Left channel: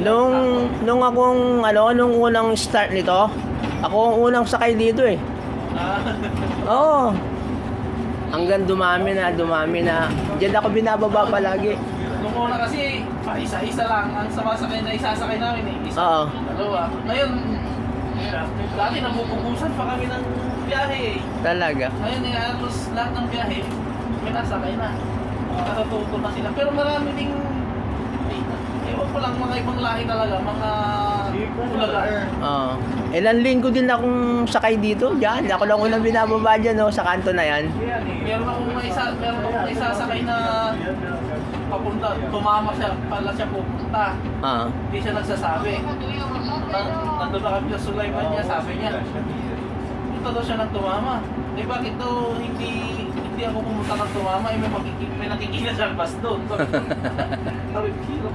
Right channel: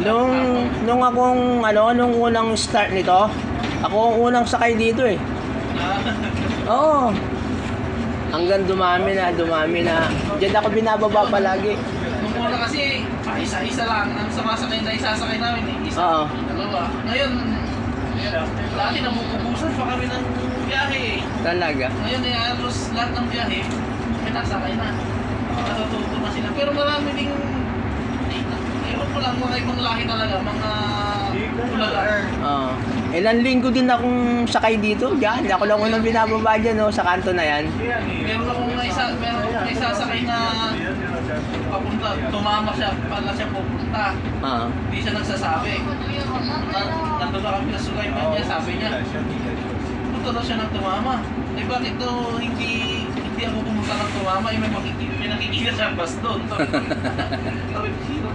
Nung akong, nung unang start nito, ako ang unang sakay dito eh. Oo. Hanggang dumami na. Diyan ako binababa palagi. Nung una kasi, isa-isa lang. Ang sumasakay na isasakay namin eh. Isa, Oo. dalawa. Ngayon, dati nabububusan pa kami ng biyahe eh. Talaga. Ngayon eh, halos lahat ng biyahe, may nasakay na. Natututo na sila. Pero marami ding, ewan ko lang, mga ibang lahi talaga, mga ulaga. Oo. Ilang linggo din akong sakay dito. Diyan. Ako lang unang binababa dyan sa kanto na yan. Meron akong isa sakay na papunta, tumama siya, pala siya pupunta. Oo. Hindi siya nagsasabi. Nandun na kami sa Sulaiman niya, sabi niya, punta daw siya ng tumama. Eh bakit to hindi ako pumunta ng tumama, eh may nakikita sa bus doon. Sabi ko,